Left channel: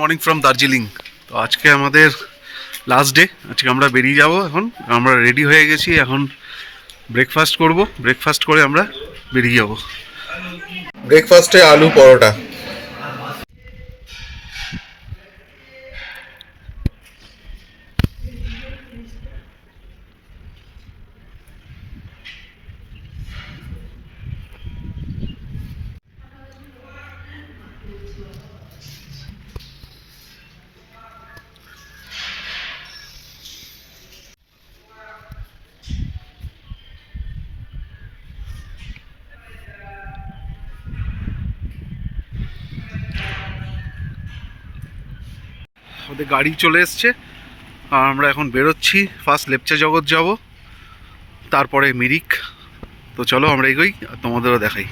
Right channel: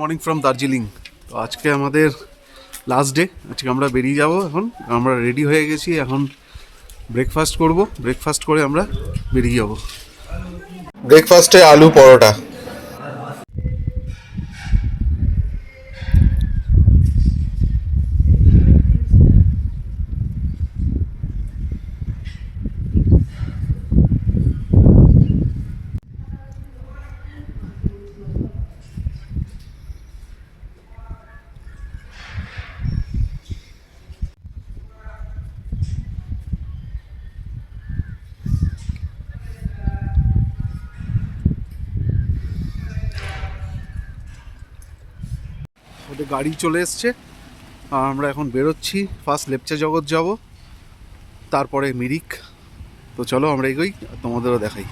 Morning from Darjeeling. তো আজকে আমাদের লাস্ট ডে। আজকে আমরা বেরিয়ে যাব। এখন আমরা রেডি হয়ে গেছি, এখন ব্রেকফাস্ট করব। ব্রেকফাস্ট করে আমরা বেরিয়ে যাব। ব্রেকফাস্টে আলু পরোটা। আমাদের গাড়ি চলে এসছে আর আমরা এখন বেরোচ্ছি। ফার্স্ট লেপচা জগৎ যাব, তারপরে মিরিক। তো চলো আমরা এগোই আর তোমাদেরও দেখাই।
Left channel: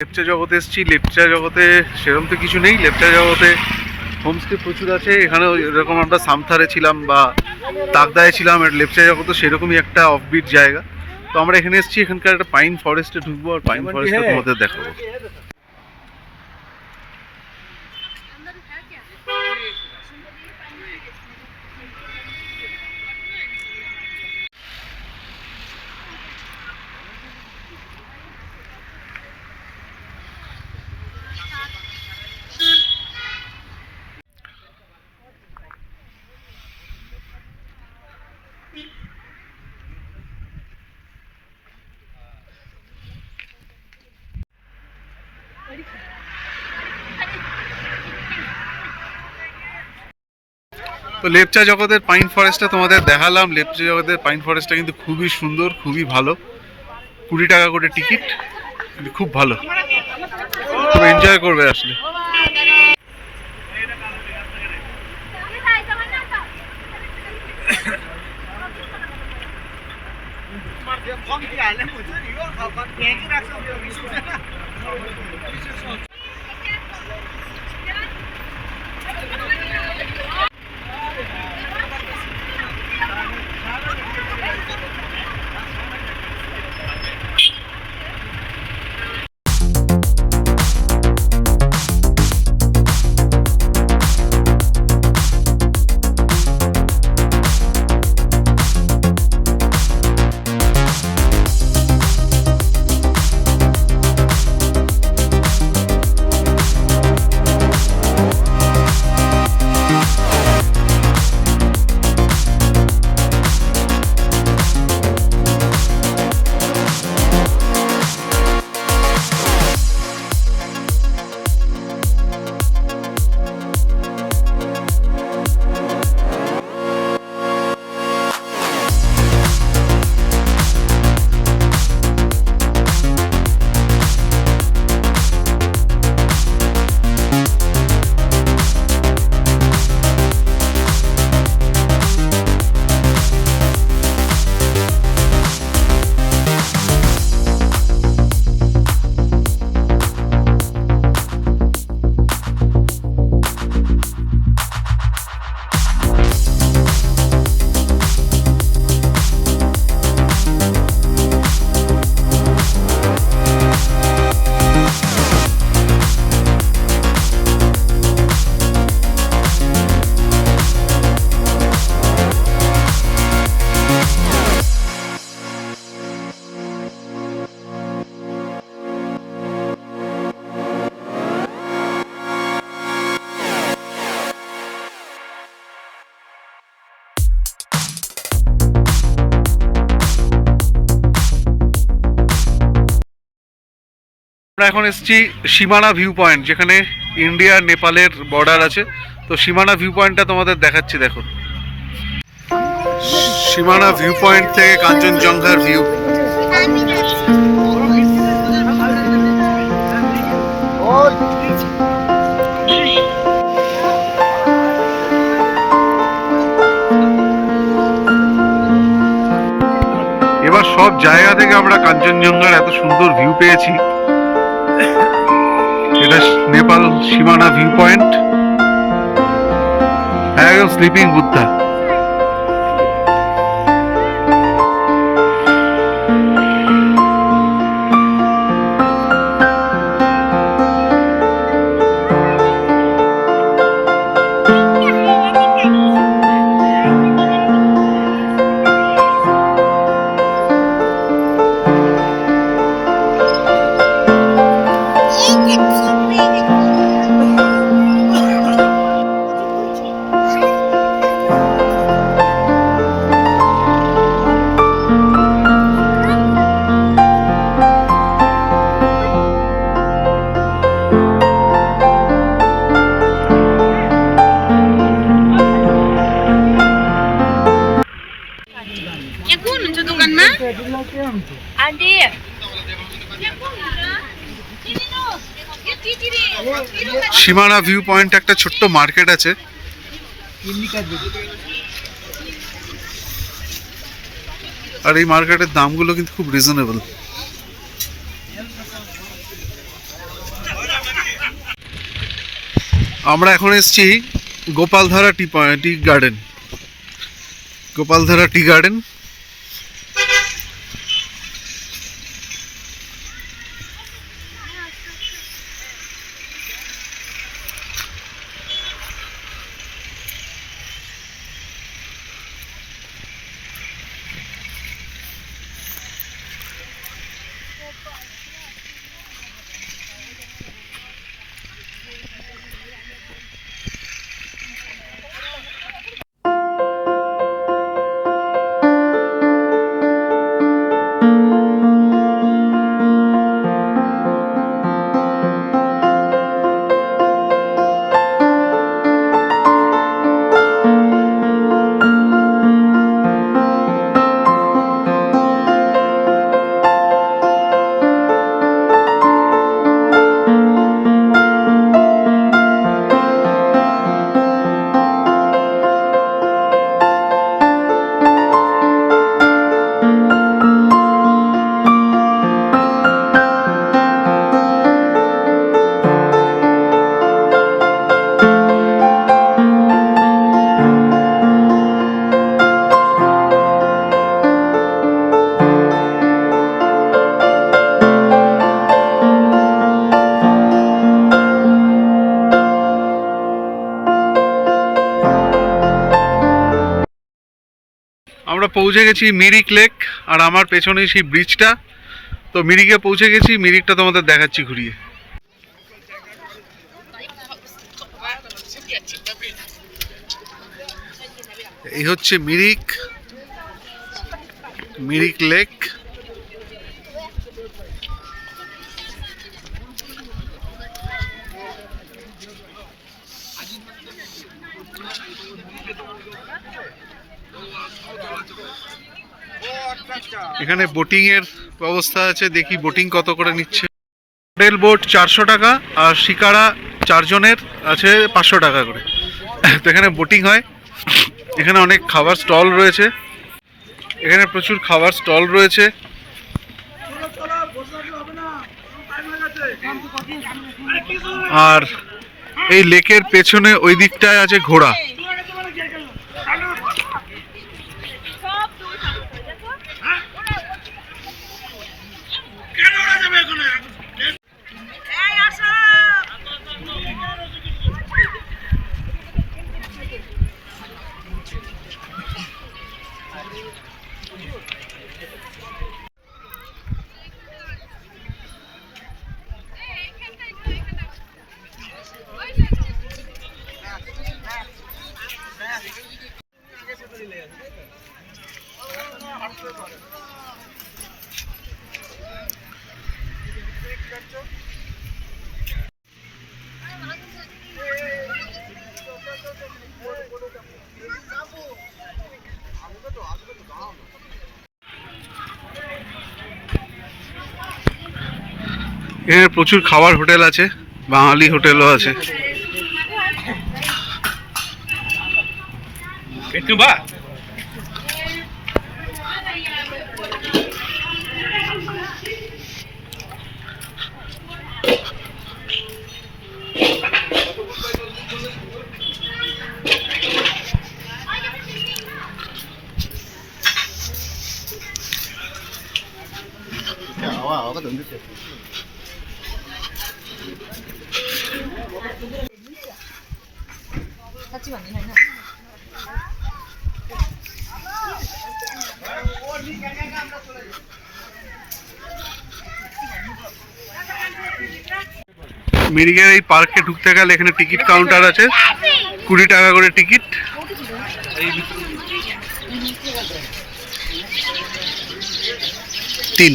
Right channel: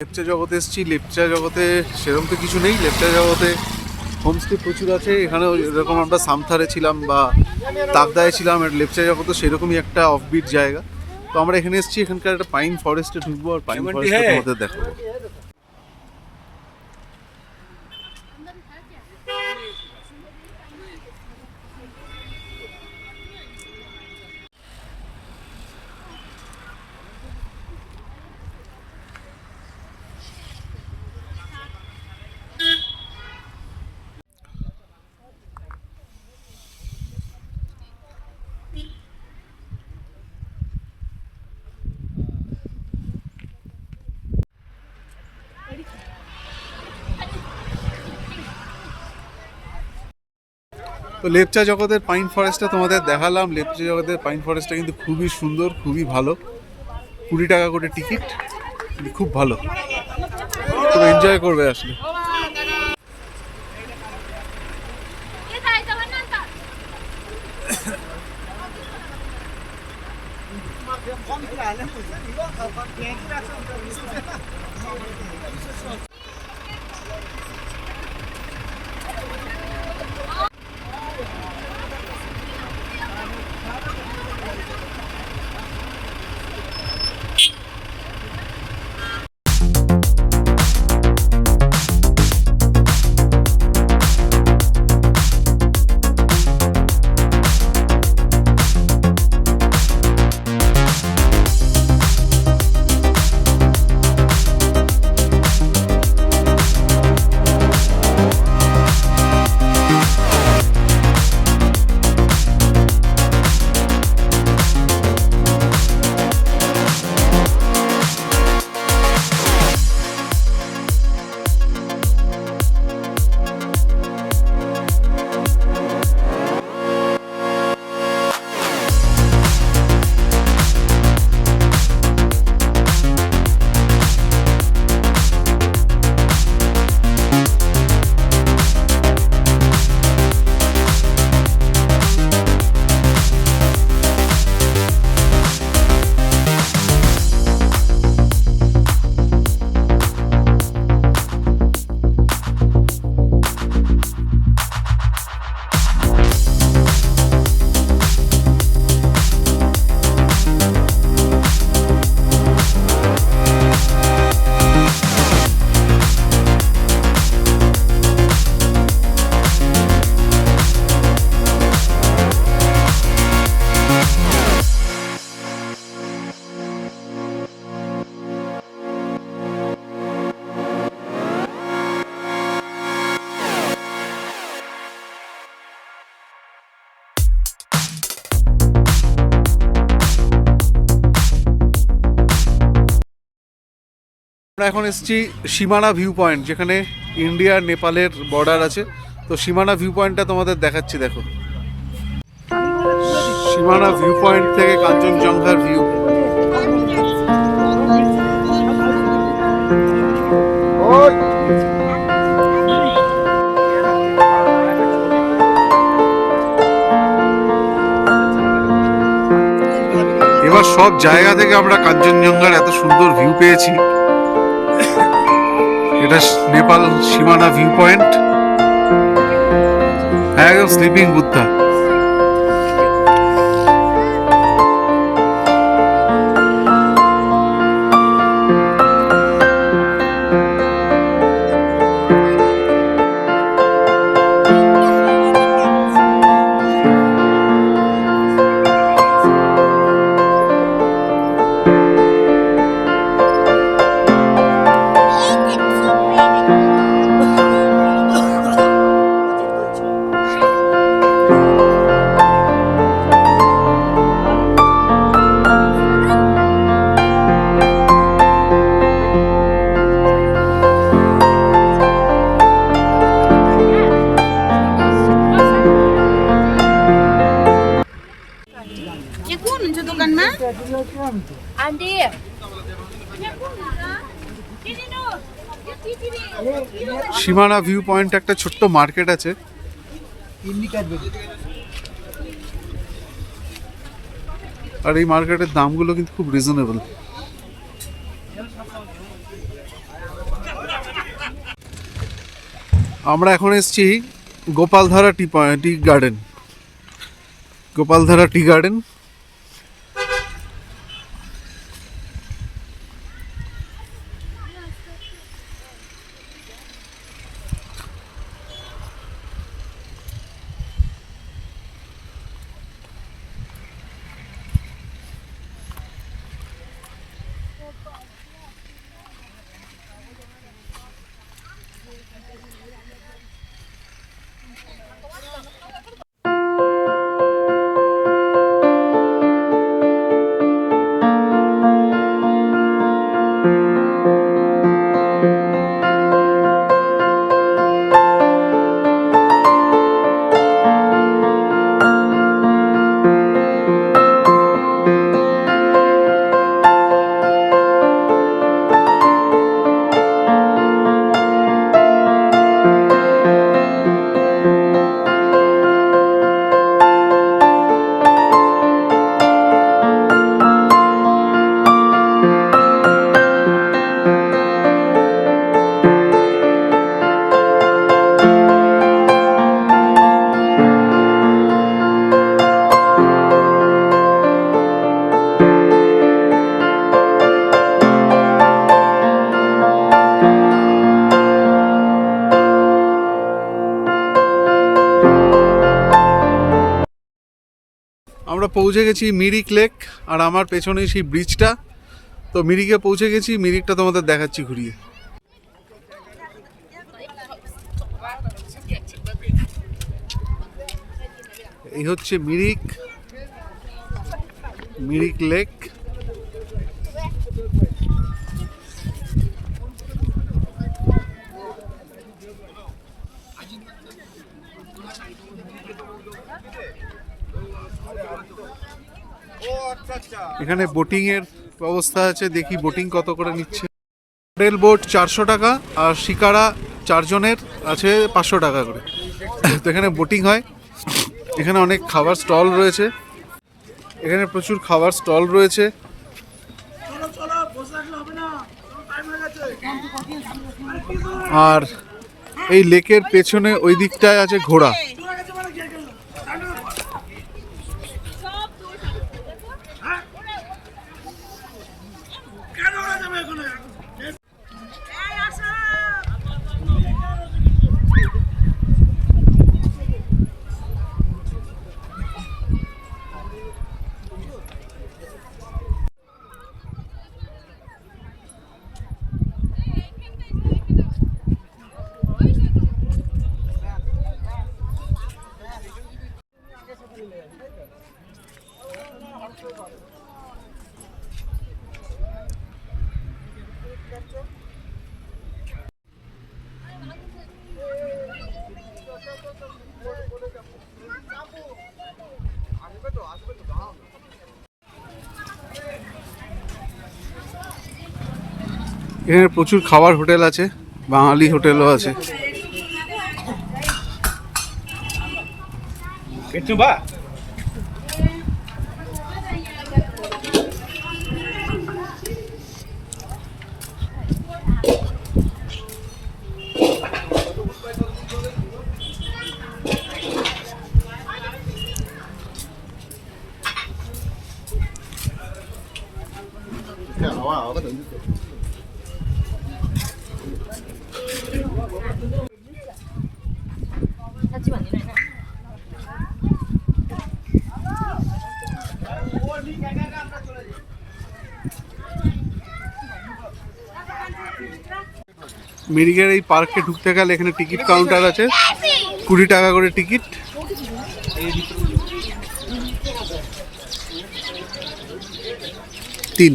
লেপচা জগতে এসেছি। লেপচা জগতে সেরকম তো কিছু নেই। লেপচা জগতে হোমস্টে প্রচুর আছে। এখানে এরকম আমরা সামথারে ছিলাম বা তাকদায় ছিলাম। আর লেপচা জগতে সেরকমই একটা অফবিট জায়গা। তো আমরা এখানে এসেছি, এখানকার একটা পাইন ফরেস্টে ঢুকবো আর পাইন ফরেস্টে তোমাদের দেখাবো। তো লেপচা জগতের পাইন ফরেস্টটা তোমাদের দেখালাম। লেপচা জগতের পাইন ফরেস্টটা কিন্তু খুবই সুন্দর, খুবই ভালো। 20 টাকা করে টিকিট, কিন্তু খুব ভালো, খুব এনজয় করবে আসলে। আমরা এখন এসেছি সীমানা ভিউ পয়েন্ট, যেখানে ইন্ডিয়া নেপালের বর্ডার আছে। তো সীমানা ভিউ পয়েন্টটা তোমাদের দেখাচ্ছি, দেখো। সীমানা ভিউ পয়েন্ট থেকে কাঞ্চনজঙ্ঘার ভিউ। এবার সব জায়গা থেকে আমরা কাঞ্চনজঙ্ঘার এত সুন্দর ভিউ পেয়েছি। এটা নেপাল সীমানা ভিউ পয়েন্ট, একদম স্লিপিং বুদ্ধা। সীমানা ভিউ পয়েন্ট একটা ছোট্ট মার্কেট আছে। আর এই মার্কেটের দামগুলো কিন্তু খুব রিজনেবল। আমরা এখন এসেছি Gopaldhara tea garden. Gopaldhara tea garden আমরা পৌঁছে গেছি মিরিক লেক। আর আমার পেছনে সেই ব্রিজটা। তো মিরিকে পৌঁছে গেছি, মিরিকটা তোমাদের দেখাচ্ছি ঘুরিয়ে। এই হচ্ছে মিরিক, মিরিক লেক। এখানে বোটিং এর ব্যবস্থা আছে, দেখি বোটিং কত করে নিচ্ছে। হোটেল বোট 400 টাকা, আর শিকারা 4 জনের আছে 500 টাকা করে। তো এখানে বোটিং হয়। এখানে অনেক খাবার স্টল রয়েছে, এখানে প্রচুর খাবার স্টল রয়েছে। আর এই লেকের পেছনে ওই দিকটায় আছে ঘোড়া। এখানে প্রচুর খাবার হোটেল আছে, বাঙালি হোটেলও আছে। মিরিকের এই পার্কে ঢুকতে গেলে এখানে টিকিট কাউন্টার আছে, 20 টাকা করে টিকিট। তিন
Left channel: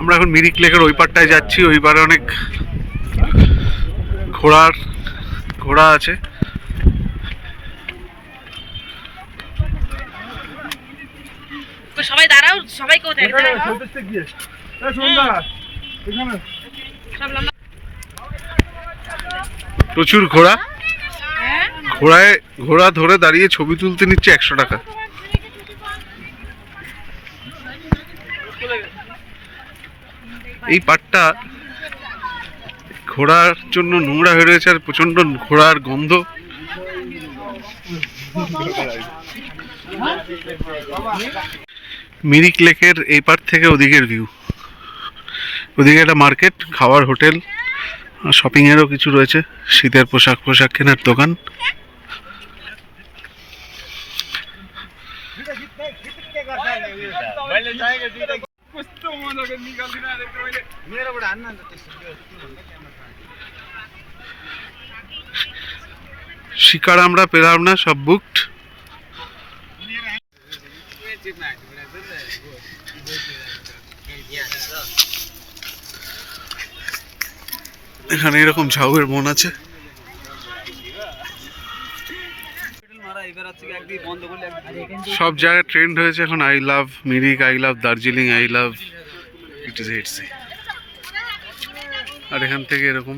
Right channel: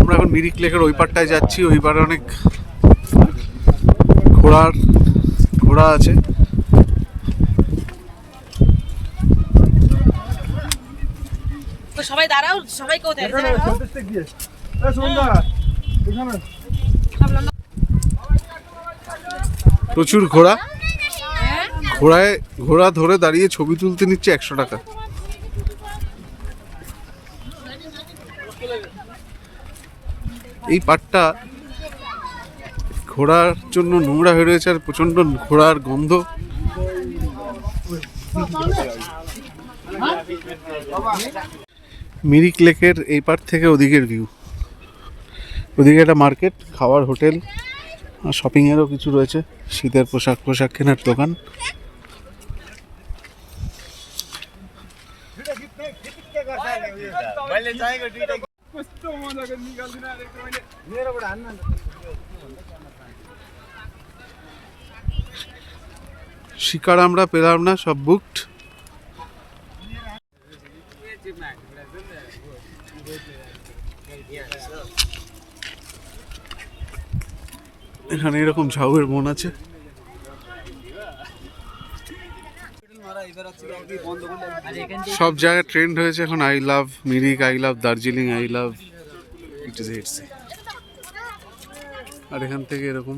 আমরা এখন মিরিক লেকের ওই পারটায় যাচ্ছি। ওই পারে অনেক ঘোড়া আছে। সবাই দাঁড়াও, সবাই কোথায়? প্রচুর ঘোড়া ধরে দাঁড়িয়ে ছবি তুলতে নিচ্ছে 100 টাকা। এই পাটটা ঘোড়ার জন্য নোংরা হয়ে রয়েছে, আর প্রচন্ড ঘোড়ার গন্ধ। মিরিক লেকের এই পার থেকে ওদিকের ভিউ। ওদিকে একটা মার্কেট, খাবার হোটেল, শপিং এরও কিছু রয়েছে, শীতের পোশাক কেনার দোকান। শিকার আমরা পেলাম না, সব বুকড। এখানে এরকম ঝাউয়ের বন আছে। সব জায়গায় ট্রেন্ড হয়েছে এখন I love Mirik, I love Darjeeling, I love ইটসি। আর এখান থেকে এরকম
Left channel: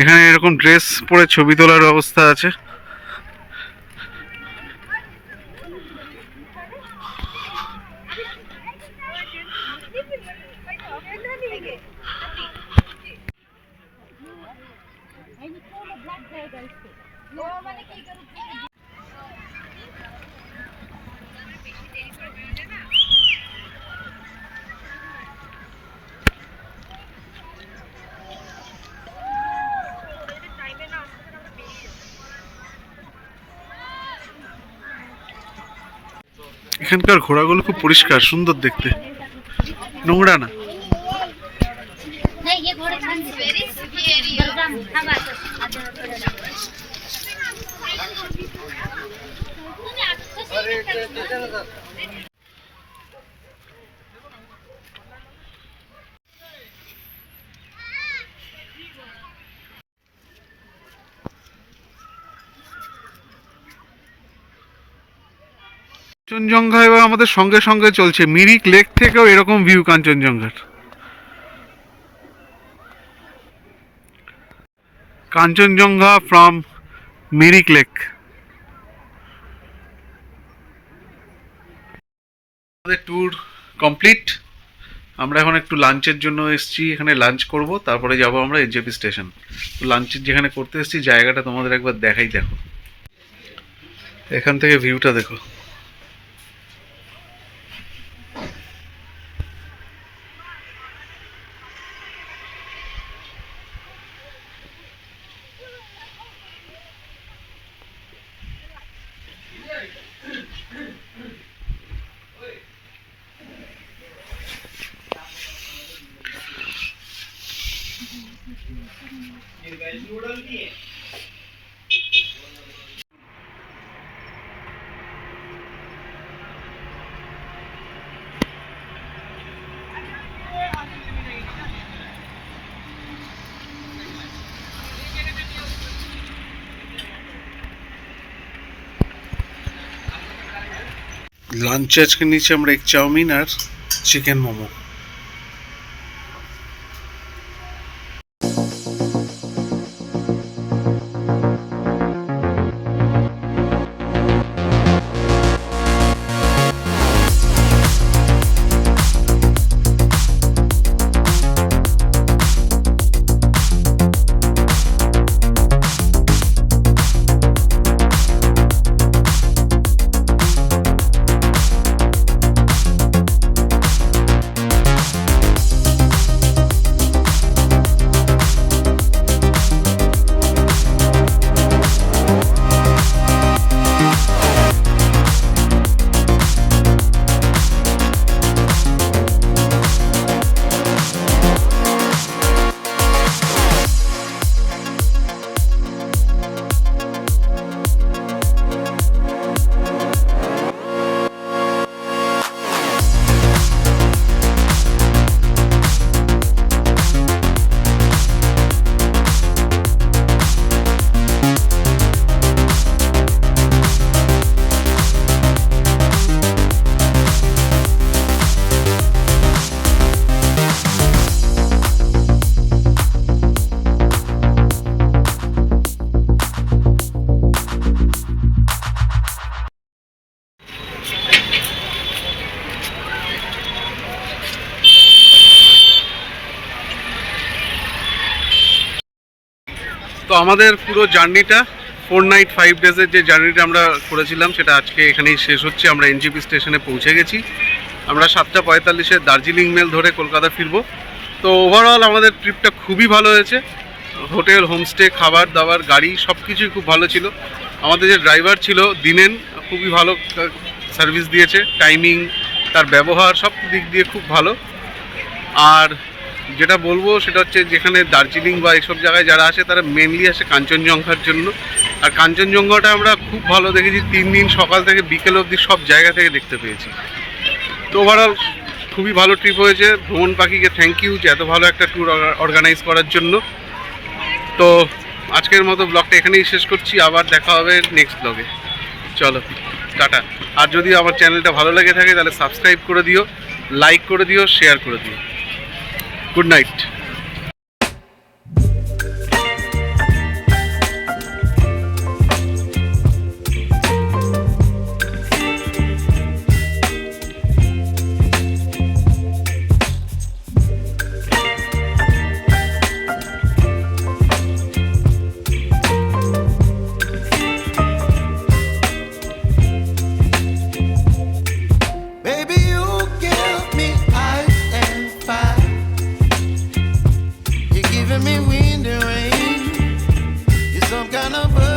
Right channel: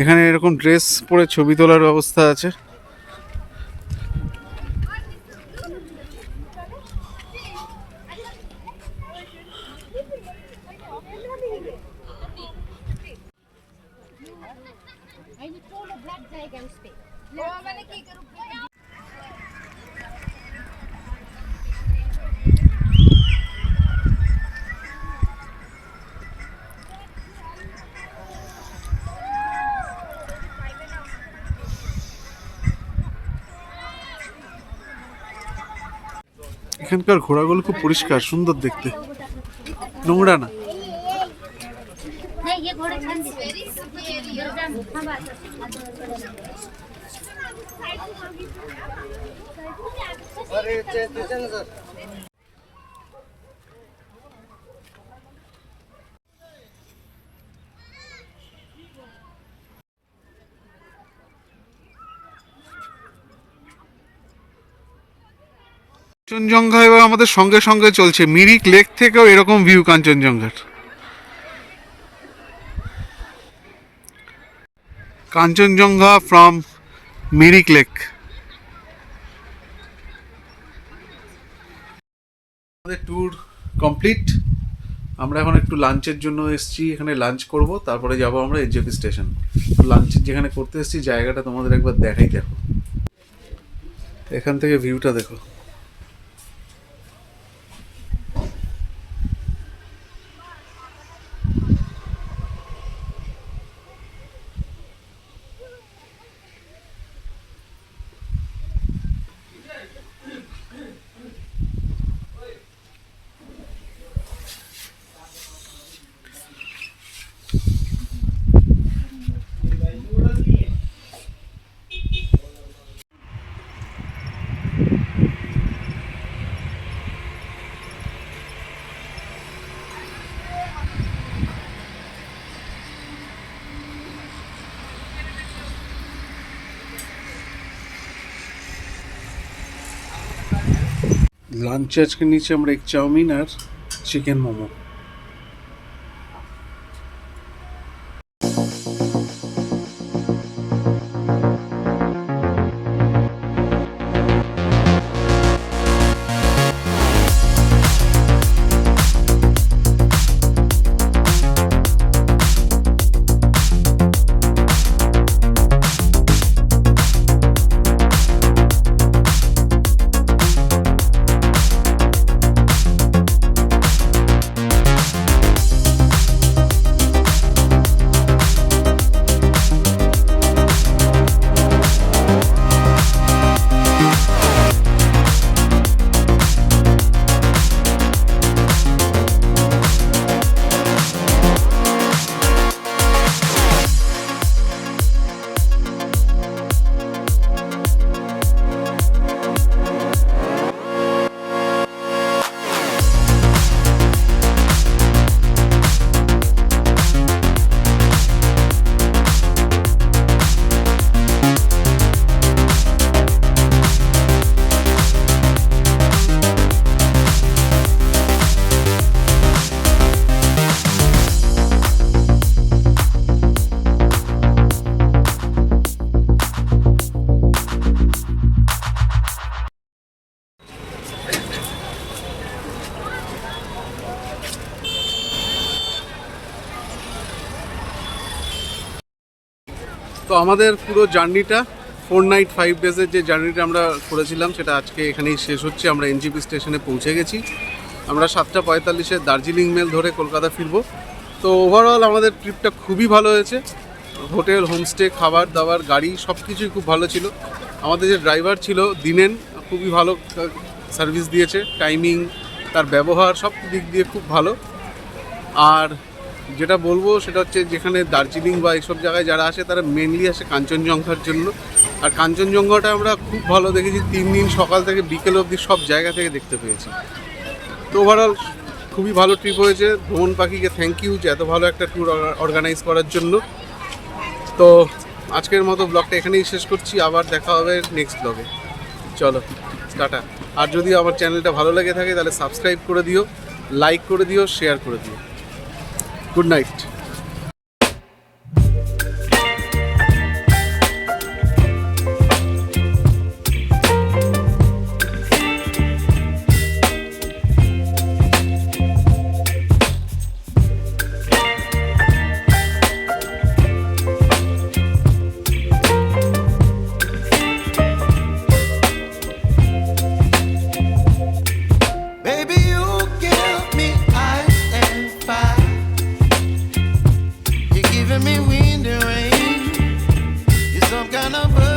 এখানে এরকম ড্রেস পরে ছবি তোলার ব্যবস্থা আছে। এখানকার ঘোড়াগুলো খুব পরিষ্কার, সুন্দর দেখতে, নোংরা না। কাঞ্চনজঙ্ঘা এবার আমাদের সঙ্গে সঙ্গে চলছে। মিরিক লেক থেকেও এরকম ভিউ কাঞ্চনজঙ্ঘার। Kanchenjunga from Mirik lake. আমাদের ট্যুর কমপ্লিট। আমরা এখন একটু লাঞ্চের জন্য এসেছি, এখানে লাঞ্চ করব, তারপরে যাব আমরা এনজেপি স্টেশন। লাঞ্চের যেখানে করতে এসেছি জায়গাটা তোমাদের একবার দেখাই, দেখো এখান থেকে ভিউটা দেখো। লাঞ্চে আজকে নিয়েছি আমরা এক চাউমিন আর চিকেন মোমো। তো আমাদের পুরো জার্নিটা 4 নাইট 5 ডেজের যে জার্নিটা আমরা করেছিলাম সেটা আজকে এখানেই শেষ হচ্ছে। আমরা এনজেপি স্টেশনে পৌঁছে গেছি। আমরা 7:45 দার্জিলিং মেল ধরে কলকাতা ফিরবো। তো ওভারঅল আমাদের ট্রিপটা খুবই ভালো হয়েছে। হোটেল, হোমস্টে, খাবার দাবার, গাড়ি সব কিছুই খুব ভালো ছিল। আমাদের যে ড্রাইভার ছিল দিনেন, খুবই ভালো সার্ভিস দিয়েছে, টাইমিং, তার ব্যবহার সব দিক দিয়ে খুব ভালো। আর যেটা বলবো সেটা হচ্ছে যেখানে দার্জিলিং বা এইসব জায়গায় যারা আসে তারা মেনলি আসে কাঞ্চনজঙ্ঘার জন্য। আর কাঞ্চনজঙ্ঘাটা আমরা খুব ভালো দেখেছি, 3 দিন সকাল থেকে বিকেল অবধি সব জায়গা থেকে দেখতে পেয়েছি। তো ওভারঅল খুবই ভালো ট্রিপ হয়েছে। ভ্রমণ পাখিকে থ্যাংক ইউ যে এত ভালো একটা ট্যুর অর্গানাইজ করার জন্য। তো আজকের মতো ব্লগটা এখানেই শেষ করছি, আবার দেখা হবে নেক্সট ব্লগে। চলো টাটা। আর যদি আমার চ্যানেলটা ভালো লেগে থাকে তাহলে সাবস্ক্রাইব করে দিও, লাইক করে দিও, শেয়ার করে দিও। Good night. Baby, you give me ice and fire. You're giving me wind and rain. You're some kind of bird.